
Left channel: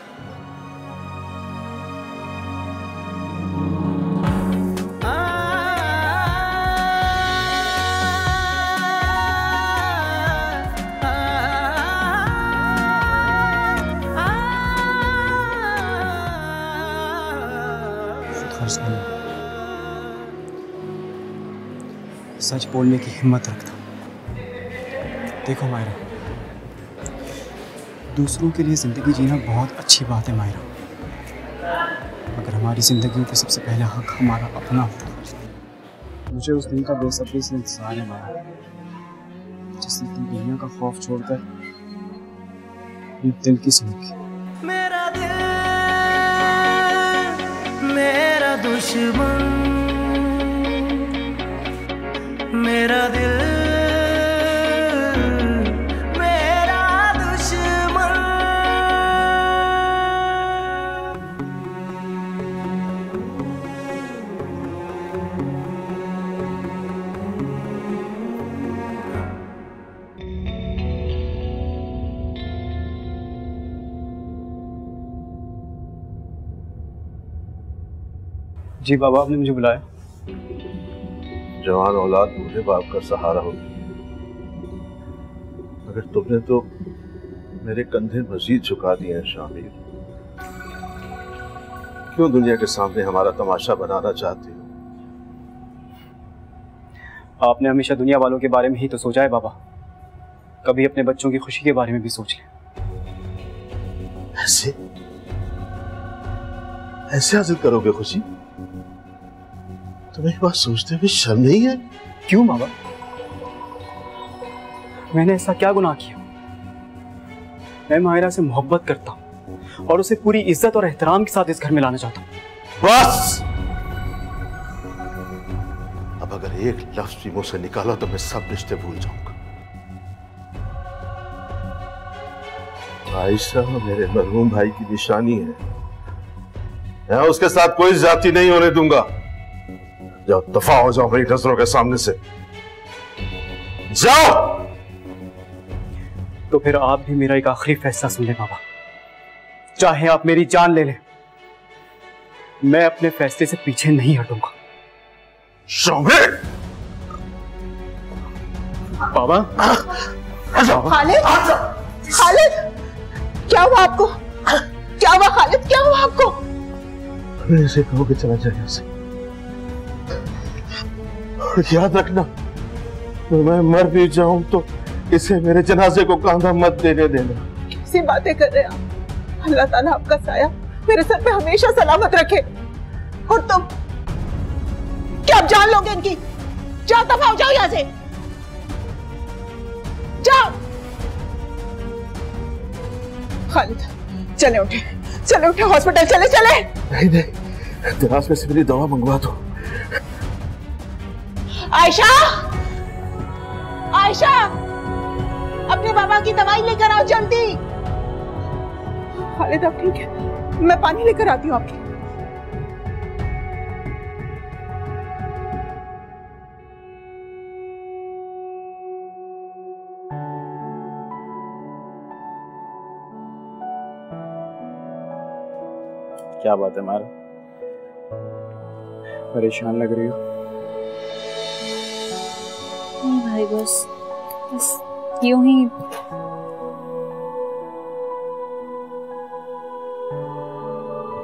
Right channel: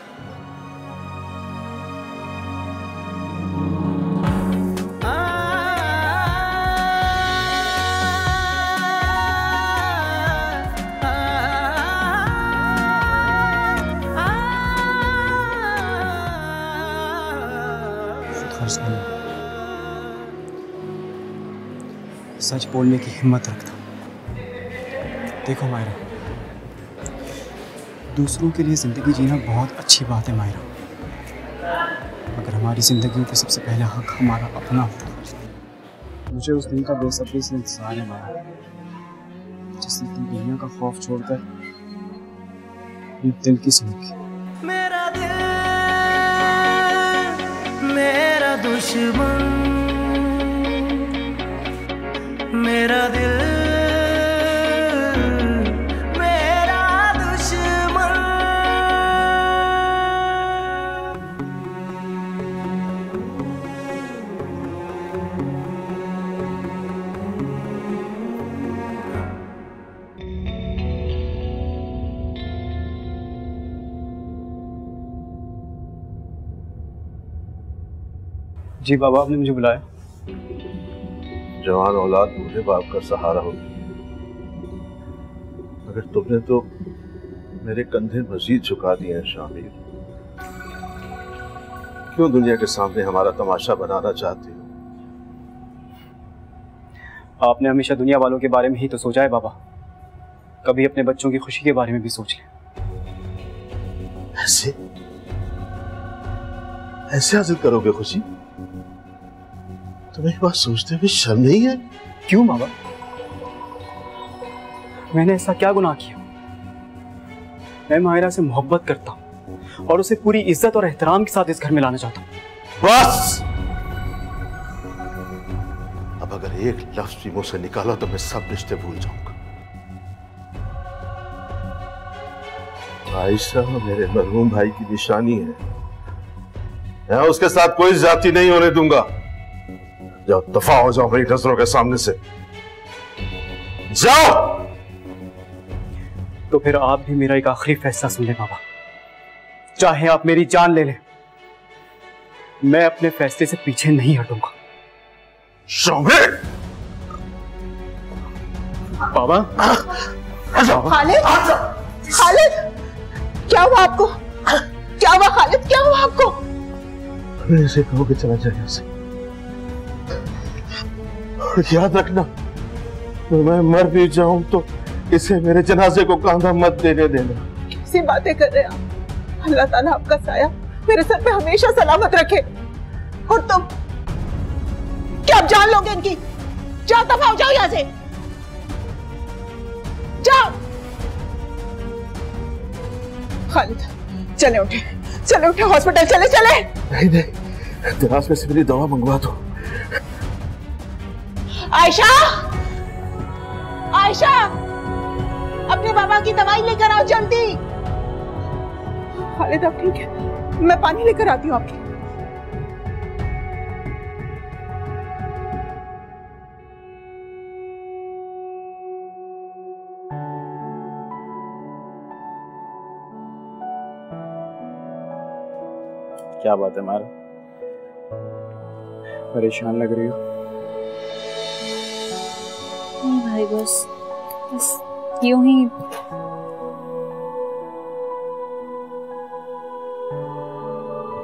सच बोलने की हिम्मत रखता। देखो मायरा, दूसरों के लिए जिंदगी जीना बहुत अच्छी बात है मायरा, मगर हमारी जिंदगी पे सबसे पहला हक हमारा अपना होता है। मुझे उस दिन का बेसब्री से इंतजार है मायरा, जिस दिन तुम दुनिया का खौफ छोड़कर दिल की सुनोगी। मेरा दिल मेरा दुश्मन, मेरा दिल मेरा दुश्मन। जी बाबा, आपने मुझे बुलाया? जवान औलाद बूढ़े बाप का सहारा होती, मगर तुमने तो मेरे कंधे मजीद झुका दिए हैं शामिर। क्यों दुनिया के सामने हमारा तमाशा बनाना चाहती हो? आपने हमेशा दुनिया वालों के बारे में ही तो सोचा है बाबा, कभी अपने बच्चों की खुशी के बारे में भी सोच लें। ऐसे हासिल करोगे खुशी? तुम्हें बात सोचते हुए शर्म नहीं है? क्यों बाबा, मैंने ऐसा क्या गुनाह किया? मैं माहिरा से मोहब्बत करता हूँ और उसे पूरी इज्जत और एहतराम के साथ इस घर में लाना चाहता हूँ। बस, अब अगर एक लफ्ज भी मुंह से निकाला तो मैं सब रिश्ते भूल जाऊंगा। आयशा मेरे मरहूम भाई की निशानी है, मैं उसके साथ कोई ज्यादती नहीं होने दूंगा। जाओ, दफा हो जाओ मेरी नजरों के सामने से, जाओ। तो फिर आप भी मेरा एक आखिरी फैसला सुन लें बाबा, चाहे आप मेरी जान ले लें, मैं अपने फैसले से पीछे नहीं हटूंगा। शामिर! बाबा, खालिद, खालिद, क्या हुआ आपको? क्या हुआ खालिद, क्या हुआ आपको? मैं इसे कहो कि चला जाए यहाँ से। याद रखना, मैं मर भी जाऊं तो इसे मेरे जनाजे को कांधा मत देने देना। कैसी बातें कर रहे हैं आप? अल्लाह ताला आपका साया मेरे सर पे हमेशा सलामत रखे। और तुम क्या आप जान लोगे इनकी? जाओ, दफा हो जाओ यहाँ से, जाओ। खालिद, चले उठे, चले उठे, हॉस्पिटल चले चले। नहीं नहीं, दराज में से मेरी दवा मंगवा दो। आयशा, आयशा, अपने बाबा की दवाई लेकर आओ जल्दी। खालिद आप ठीक है? मैं पानी लेकर आती हूँ आपके। क्या बात है मारा, परेशान लग रही हो? नहीं भाई, बस यूं ही।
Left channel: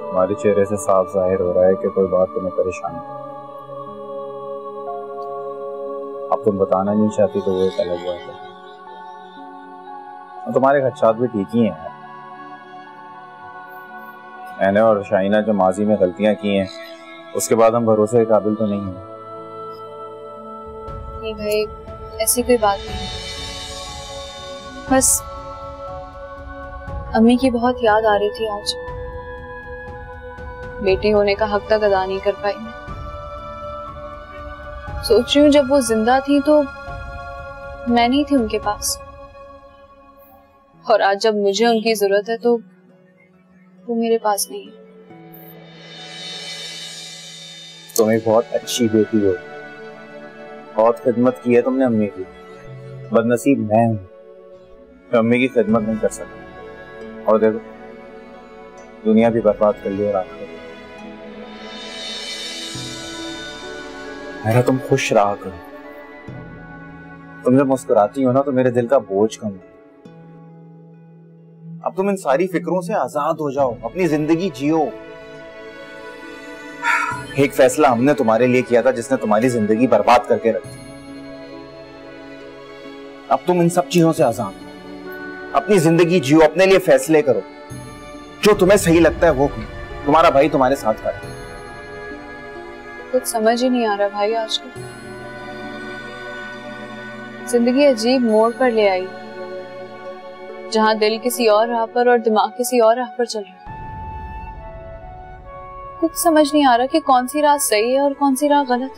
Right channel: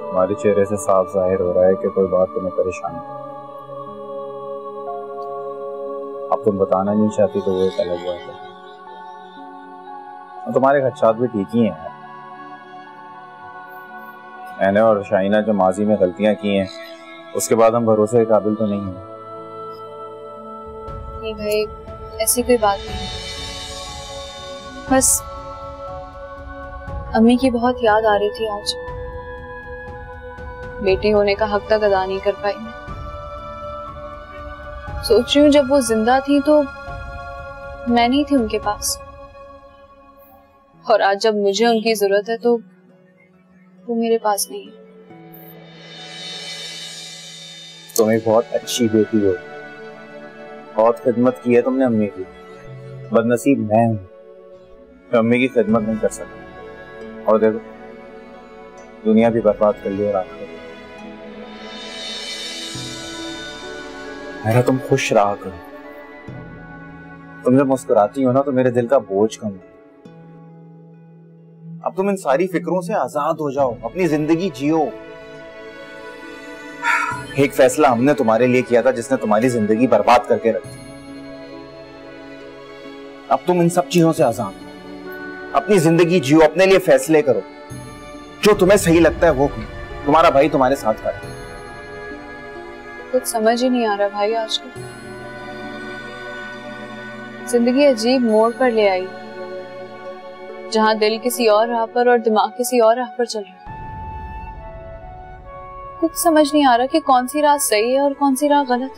हमारे चेहरे से साफ जाहिर हो रहा है कि कोई बात तुम्हें परेशान है। अब तुम बताना नहीं चाहती तो वो एक अलग बात है। तुम्हारे खदशात भी ठीक ही हैं। मैंने और शाइना जो माजी में गलतियां की हैं उसके बाद हम भरोसे के काबिल तो नहीं हैं। नहीं भाई, ऐसी कोई बात नहीं, बस अम्मी की बहुत याद आ रही थी आज। बेटी होने का हक तक अदा नहीं कर पाई मैं। सोच रही हूँ जब वो जिंदा थी तो मैं नहीं थी उनके पास, और आज जब मुझे उनकी जरूरत है तो वो मेरे पास नहीं है। तुम एक बहुत अच्छी बेटी हो, बहुत खिदमत की है तुमने अम्मी की। बदनसीब मैं हूँ, मैं अम्मी की खिदमत नहीं कर सकता, और देखो दुनिया भी बर्बाद कर ली और आखिर मेरा। तुम खुश रहा करो, तुम जब मुस्कुराती हो ना तो मेरे दिल का बोझ कम है। अब तुम इन सारी फिक्रों से आजाद हो जाओ, अपनी जिंदगी जियो। एक फैसला हमने तुम्हारे लिए किया था जिसने तुम्हारी जिंदगी बर्बाद करके रखी। अब तुम इन सब चीजों से आजाद हो, अपनी जिंदगी जियो, अपने लिए फैसले करो, जो तुम्हें सही लगता है वो करो। तुम्हारा भाई तुम्हारे साथ खड़ा है। कुछ समझ ही नहीं आ रहा भाई, आजकल जिंदगी अजीब मोड़ पर ले आई, जहां दिल किसी और राह पर और दिमाग किसी और राह पर चल रहा है। कुछ समझ नहीं आ रहा कि कौन सी राह सही है और कौन सी राह गलत।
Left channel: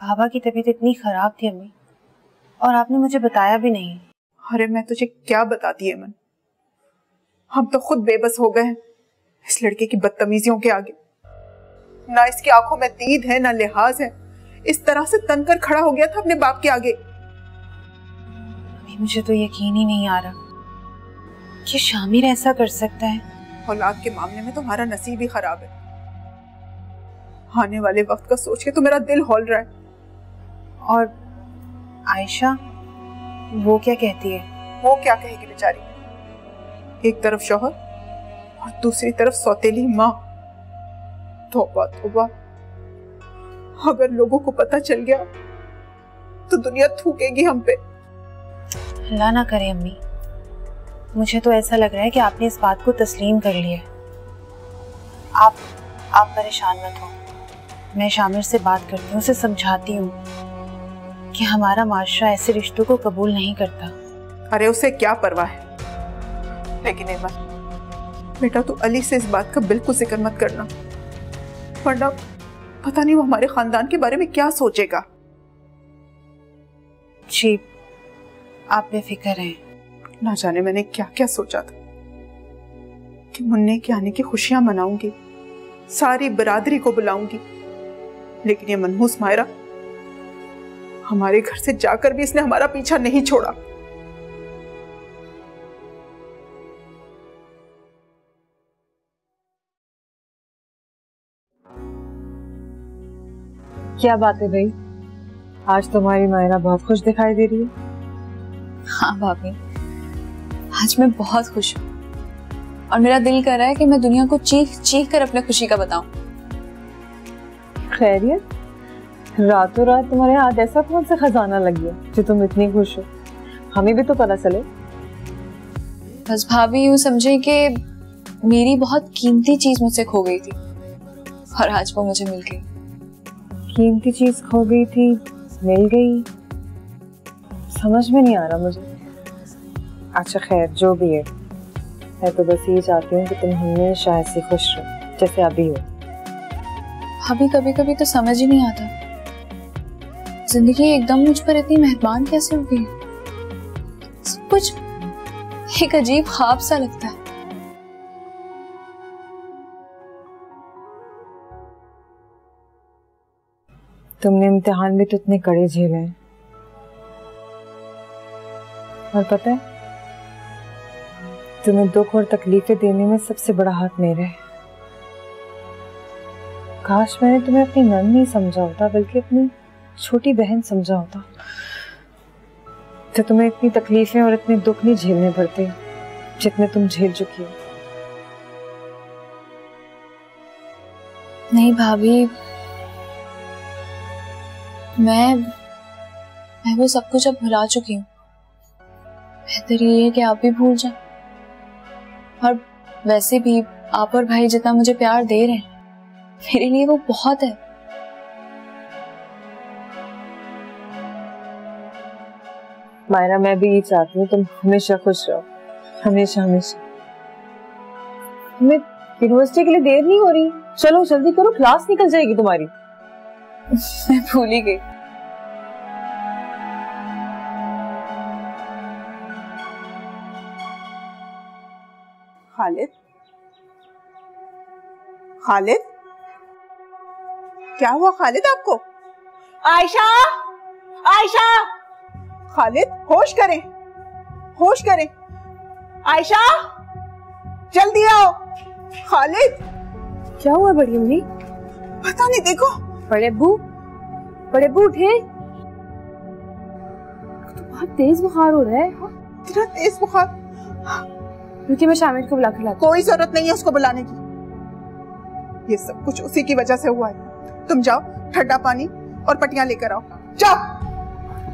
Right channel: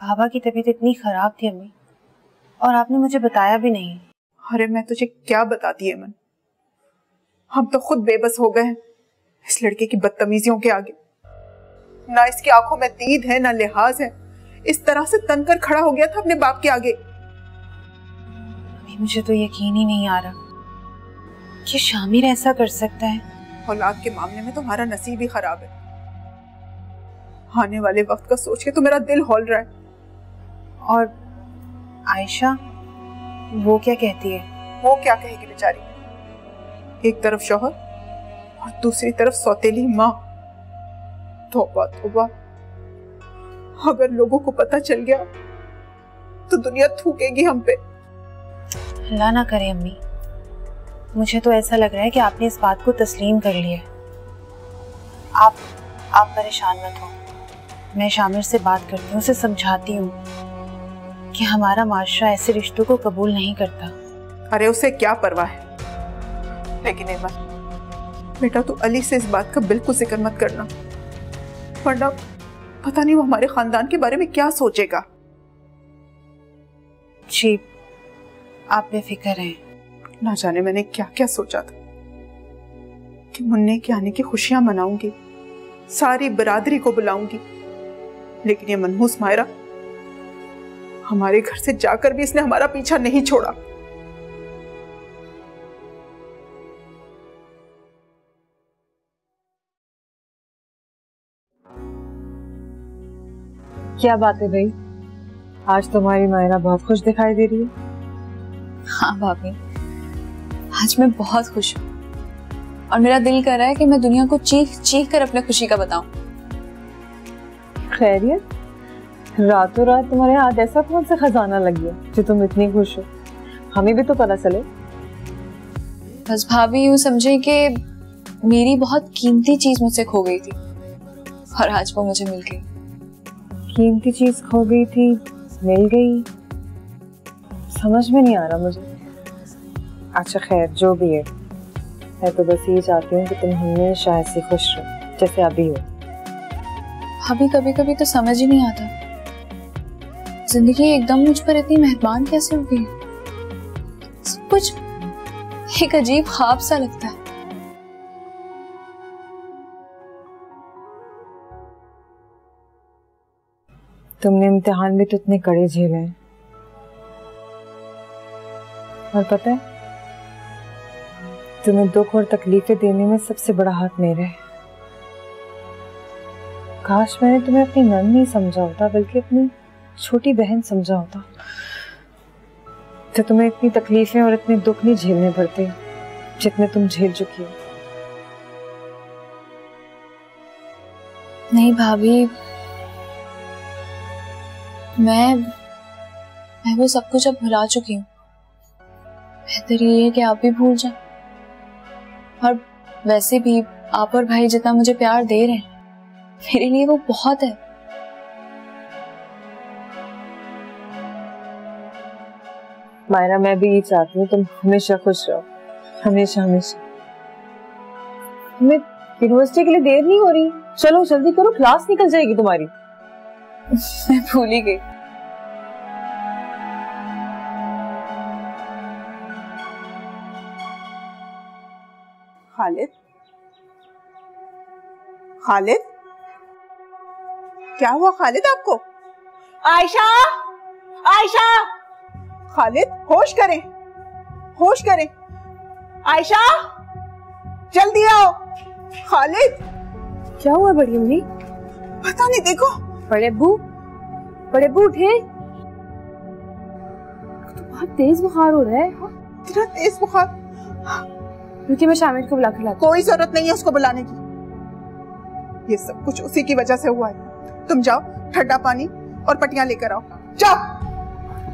बाबा की तबीयत इतनी खराब थी अम्मी, और आपने मुझे बताया भी नहीं। अरे मैं तुझे क्या बताती है मन, हम तो खुद बेबस हो गए हैं इस लड़के की बदतमीजियों के आगे। ना इसकी आंखों में दीद है ना लिहाज है, इस तरह से तनकर खड़ा हो गया था अपने बाप के आगे। अभी मुझे तो यकीन ही नहीं आ रहा कि शामिर ऐसा कर सकता है। औलाद के मामले में तुम्हारा नसीब ही खराब है। आने वाले वक्त का सोच के तो मेरा दिल हौल रहा है। और आयशा, वो क्या कहती है? वो क्या कहेगी बेचारी, एक तरफ शौहर और दूसरी तरफ सौतेली माँ। तौबा तौबा, अगर लोगों को पता चल गया तो दुनिया थूकेगी हम पे। अल्लाह ना करे अम्मी, मुझे तो ऐसा लग रहा है कि आपने इस बात को तस्लीम कर लिया। आप परेशान मत हो, मैं शामिर से बात करती हूँ, उसे समझाती हूँ कि हमारा माशरा ऐसे रिश्तों को कबूल नहीं करता। अरे उसे क्या परवाह है, लेकिन एक बात बेटा, तू अली से इस बात का बिल्कुल जिक्र मत करना, वरना पता नहीं वो हमारे खानदान के बारे में क्या सोचेगा। जी, आप बेफिक्र हैं। ना जाने मैंने क्या क्या सोचा था कि मुन्ने के आने की खुशियां मनाऊंगी, सारी बरादरी को बुलाऊंगी, लेकिन ये मनहूस मायरा, हमारे घर से जाकर भी इसने हमारा पीछा नहीं छोड़ा। क्या बात है भाई, आज तुम्हारी मायरा बहुत खुश दिखाई दे रही है। हाँ भाभी, आज मैं बहुत खुश हूँ और मेरा दिल कर रहा है कि मैं दुनिया को चीख चीख कर अपने खुशी का बताऊं। खैरियत, रातों रात तुम्हारे हाथ ऐसा कौन सा खजाना लग गया जो तुम इतनी खुश हो? हमें भी तो पता चले। बस भाभी यूं समझे कि मेरी बहुत कीमती चीज मुझसे खो गई थी और आज वो मुझे मिल गई। कीमती चीज खो गई थी, मिल गई, समझ में नहीं आ रहा मुझे। अच्छा खैर, जो भी है, मैं तो बस ये चाहती हूँ कि तुम हमेशा ऐसी खुश रहो जैसे अभी हो। अभी कभी कभी तो समझ ही नहीं आता जिंदगी एकदम मुझ पर इतनी मेहरबान कैसे हो गई। सब कुछ एक अजीब ख्वाब सा लगता है। तुमने इम्तिहान भी तो इतने कड़े झेले हैं, और पता है तुम्हें दुख और तकलीफें देने में सबसे बड़ा हाथ मेरा है। काश मैंने तुम्हें अपनी नंद नहीं समझा होता बल्कि अपनी छोटी बहन समझा होता, तो तुम्हें इतनी तकलीफें और इतने दुख नहीं झेलने पड़ते जितने तुम झेल चुकी हो। नहीं भाभी, मैं वो सब कुछ अब भुला चुकी हूँ। बेहतर ये है कि आप भी भूल जाएं। और वैसे भी आप और भाई जितना मुझे प्यार दे रहे हैं मेरे लिए वो बहुत है। मायरा, मैं भी ये चाहती हूँ तुम हमेशा खुश रहो, हमेशा हमेशा। तुम्हें यूनिवर्सिटी के लिए देर नहीं हो रही? चलो जल्दी करो, क्लास निकल जाएगी तुम्हारी। मैं भूल ही गई। खालिद, खालिद, क्या हुआ खालिद आपको? आयशा, आयशा, खालिद होश करें, होश करें। आयशा जल्दी आओ। खालिद, क्या हुआ बड़ी अम्मी? पता नहीं, देखो। बड़े अब्बू, बड़े अब्बू उठे। तो बहुत तेज बुखार हो रहा है। इतना तेज बुखार? रुकिए मैं शामिर को बुला के लाती हूँ। कोई जरूरत नहीं है उसको बुलाने की, ये सब कुछ उसी की वजह से हुआ है। तुम जाओ ठंडा पानी और पट्टियां लेकर आओ, जाओ।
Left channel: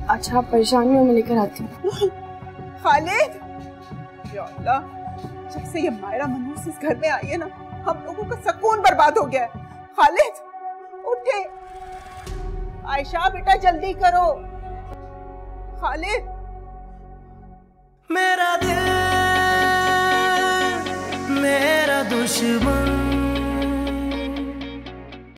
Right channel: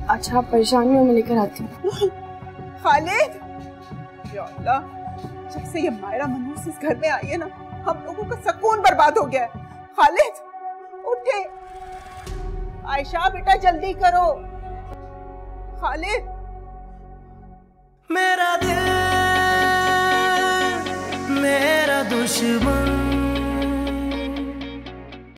अच्छा आप परेशान नहीं हो, मैं लेकर आती हूँ। खालिद, या अल्लाह, जब से ये मायरा मनहूस इस घर में आई है ना, हम लोगों का सुकून बर्बाद हो गया है। खालिद उठे। आयशा बेटा जल्दी करो। खालिद, मेरा दिल मेरा दुश्मन।